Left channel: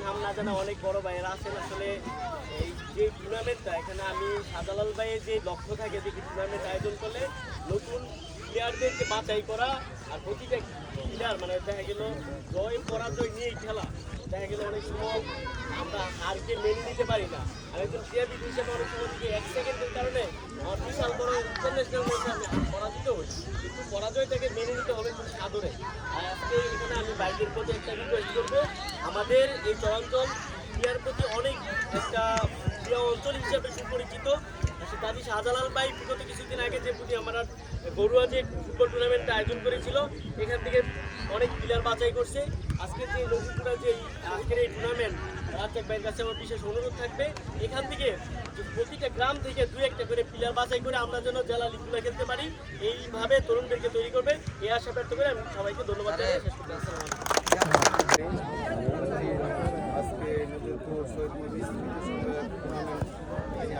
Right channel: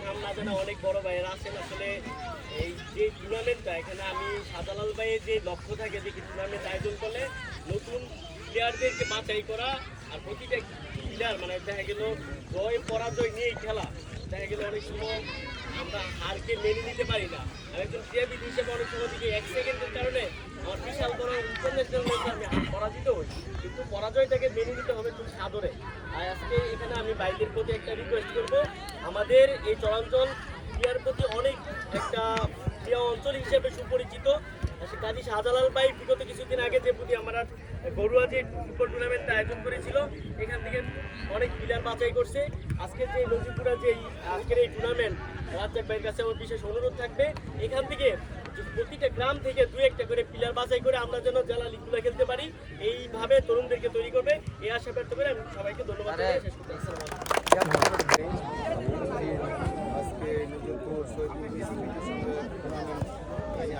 নাম না জানা অনেক বড় ভাইয়েরা আছেন। আসলে এই যে টুর্নামেন্টটা এখানে আমি শাহজালাল ভাইয়ের যে লক্ষ্য থাকে যে টুর্নামেন্ট আয়োজন করলে নতুন প্লেয়ারদেরকে বাছাই করা, আর প্রতিটা প্লেয়ার মানে দেখা গেল জয় পরাজয় নিয়েই খেলা। দেখা গেল অনেক সময় আমরা হারকে মেনে নিতে পারি না। আমি একজন ক্রীড়াবিদ হিসেবে অনেক সময় থেকে 1 সেকেন্ডের কারণে আমার বিশাল বড় ইন্টারন্যাশনাল ম্যাচে আমি পরাজিত হই, কিন্তু পরাজয়টাকে মেনে নিতে হবে খুব সাদরে। আর আজকে এখানে আমি বাইকের প্রতি একটা রিকোয়েস্ট করবো, আমাদের এই চরাঞ্চল ক্রীড়ার প্রতি অনেক একটা ক্রীড়া অঞ্চল হিসেবে সুপরিচিত। কাজী শাহজালাল ভাই বিগত কিছুদিন আগে যে প্রতি আমরা গরুয়া যে ফুটবল টুর্নামেন্টটা আয়োজন করেছিল, এখান থেকে অনেক প্লেয়ার বাছাই করছে। আজকের যে নদীপুরা যে আজকের এই টুর্নামেন্ট, রাজ্জাক ভাইয়ের কাছে আমার বিশেষ অনুরোধ থাকবে এখান থেকে প্রতিটা গ্রাম থেকে 2-1টা করে প্লেয়ার বাছাই করে আমরা যেন জেলা লিগগুলো খেলতে পারি, এইভাবে তরুণদেরকে তৈরি করবে এই আশা ব্যক্ত করে আমি সবাইকে ধন্যবাদ জানিয়ে শেষ করতে। আসসালামু আলাইকুম। আজকে নজরপুর শহীদ টুর্নামেন্ট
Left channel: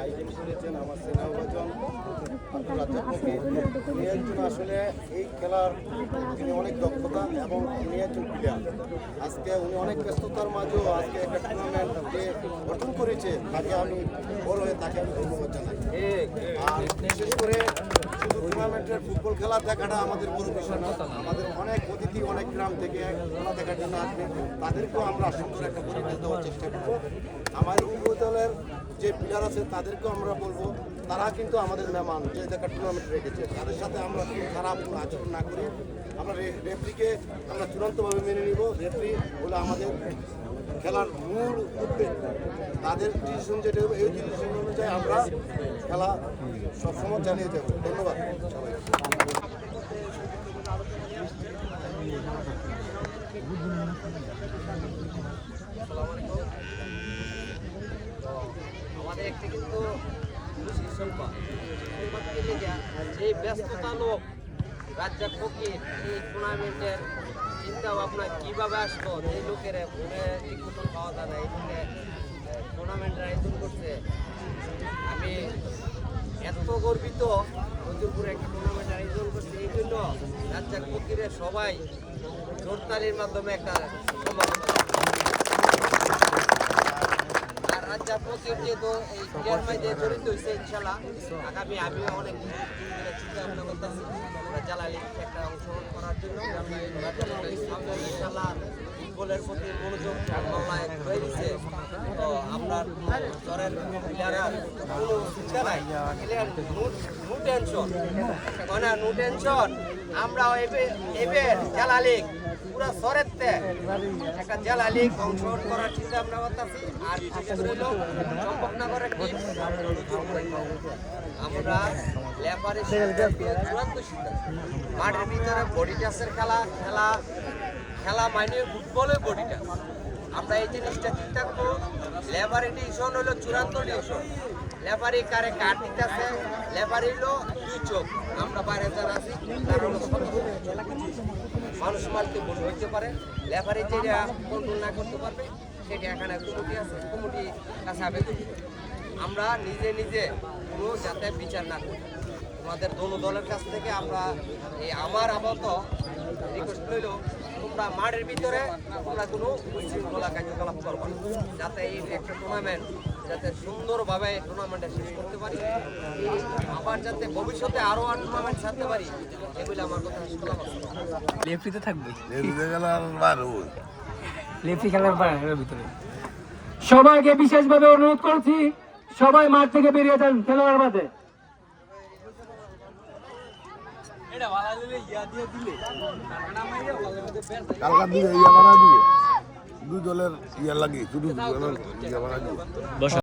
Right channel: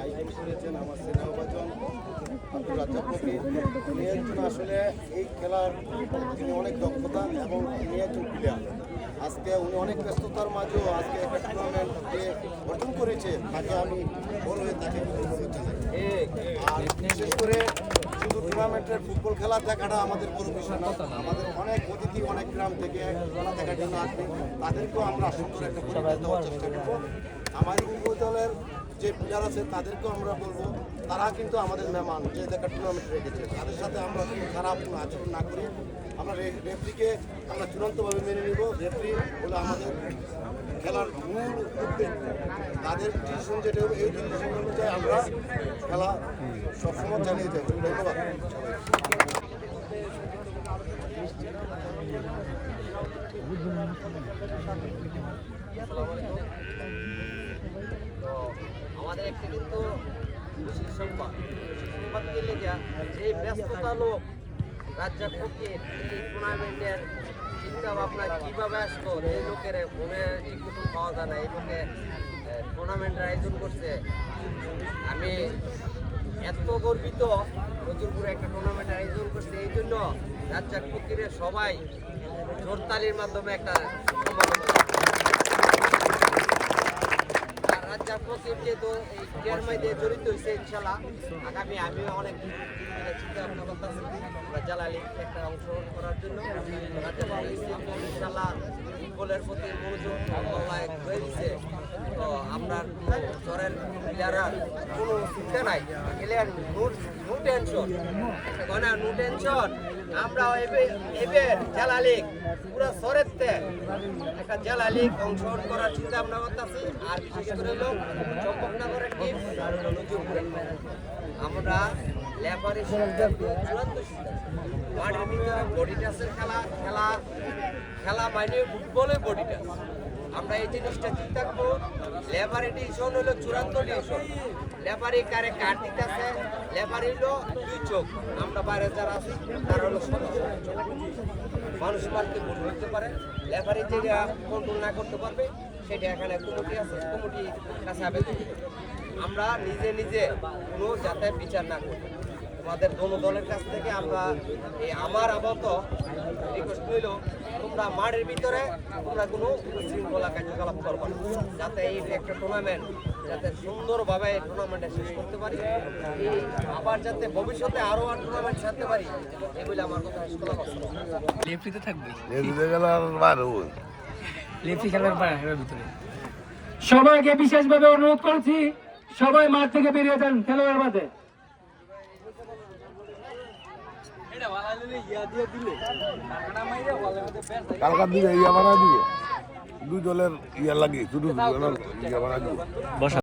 আয়োজন করেছেন আমার স্নেহভাজন আব্দুল রাজ্জাক ফকির। উনি একজন আসলে এই খেলার তিনি অনেক দক্ষতা এবং উনি একজন প্লেয়ার। আজকে উনি অনেক ব্যস্ততার মাঝেও আজকে একটা টুর্নামেন্ট যে গঠন করেছে তাকে আমি বড় হয়ে তাকে আমি ধন্যবাদ জানাই। আর বিশেষ করে শুধু টুর্নামেন্টের ফুটবল খেলা দেখাটা আমাদের বড় বিষয় না, আমাদের অনেক অতিথি অনেক গ্রাম থেকে খেলা দেখার জন্য আসবে, তাদেরকেও আমরা সুন্দর একটা পরিবেশ দেওয়ার চেষ্টা করব। আমাদের উপদলের যে প্লেয়ার আছে তাদেরকেও আমরা বলবো তারা কিন্তু আমাদের মেহমান, যে দেখা টুর্নামেন্ট রেখেছে তাদের সাথে আমরা কোনো খারাপ কোনো আচরণ না করি। আমরা রেফরিকে আমরা চূড়ান্তভাবে মেনে নিব। রেফরি হলো আমাদের খেলার মূল উদ্বেগ, তাদের ডিসিশন যেটা হবে এই ডিসিশন অনুযায়ী আমরা খেলা সবসময় চালিয়ে যাব। ধন্যবাদ সবাই। আসসালামু আলাইকুম। তো আমাদের একটা কিন্তু খুশি সংবাদ পেলে যা যে ব্যস্ততা লোক রাজ্জাক ফকির এই টুর্নামেন্টের চিন্তা ভাবনা কীভাবে আসলো, এই লোকের ফোনে ঠিক মতন পাওয়া যায় না, এই লোকে টুর্নামেন্টের আয়োজন করছে। আমি এত গর্বিত নজরপুরে একটা টুর্নামেন্টের আয়োজন করছে, এই জন্য রাজ্জাক ফকিরের সবাই জোরতালির মাধ্যমে একটা সম্ভাবনা। আর রাজ্জাক ফকির যেহেতু এই ক্রিয়ার মাঝে জড়িত হয়েছে, ইনশাল্লাহ আগামী আমিও অনেক চিন্তা ভাবনা করতেছি জালালি একটা অংশগ্রহণ করার জন্য। রাজ্জাক ফকির কিন্তু ইনশাল্লাহ ফুটবলের প্রতি মনোযোগ মহলায় হয়ে গেছে। তো আপনার কোনো জ্বরের প্লেয়ারের কোনো চিন্তা নাই, প্লেয়ার নো টেনশন, মানে নো টেনশন। আমরা এবার জেলা লিগ পুরো শহরেতে একটা জেলা লিগ অংশগ্রহণ করার চিন্তা আমরা করতেছি। আর বিশেষ করে হলো চম্পকনগরের টিম আর হলো নজরপুরের টিম। আমরা লেফারের সিদ্ধান্ত চূড়ান্ত সিদ্ধান্ত, মাঠের ভিতরে বডি টাচের খেলা মানে ফুটবলের বডি টাচ। আমরা এই জিনিসটা চিন্তা করবো। লেফারি ডিভিশন হলো চূড়ান্ত ডিভিশন, লেফারি কারে কার্ড দিতেছে, লেফারি হলো 2 চোখ। আমরা বাইরে যারা আছি তারা হলো 100 চোখ। মানুষ মারতে ভুল হইতে পারে, লেফারি যেটা কন্ট্রোল না করতে পারবে সেটা এখানে কমিটি আছে, কমিটি কাছে আবেদন করবে। আমরা নিজে নিজে কোনো যাতে বিচার না করি। তোমাদের দোনো দলের কাছ থেকে আমরা এই আমার আপাতত রিকোয়েস্ট রইল, তোমরা মাঠের ভিতরে তোমরা কোনো উশৃঙ্খলা কার্যকলাপ করবা না, যাতে এই একটা টুর্নামেন্ট যাতে সুন্দরভাবে টুর্নামেন্টে শেষ করতে পারি, এই আবার যাতে ভবিষ্যতে আরও আর টুর্নামেন্ট ছাড়তে পারি, এগুলি আমার কথা শেষ করলাম। লেফটিতে থাকবে, লেফটি খেলার ভিতরে সবাইকে বিশেষভাবে অনুরোধ করছি, সবাই মাঠ থেকে বেরিয়ে যান খেলোয়াড় বাদে। কালকার দিকে ইয়া বানা দিবে 2 দলের ইয়া লাগে, শুধু ইয়া বানা দিবে।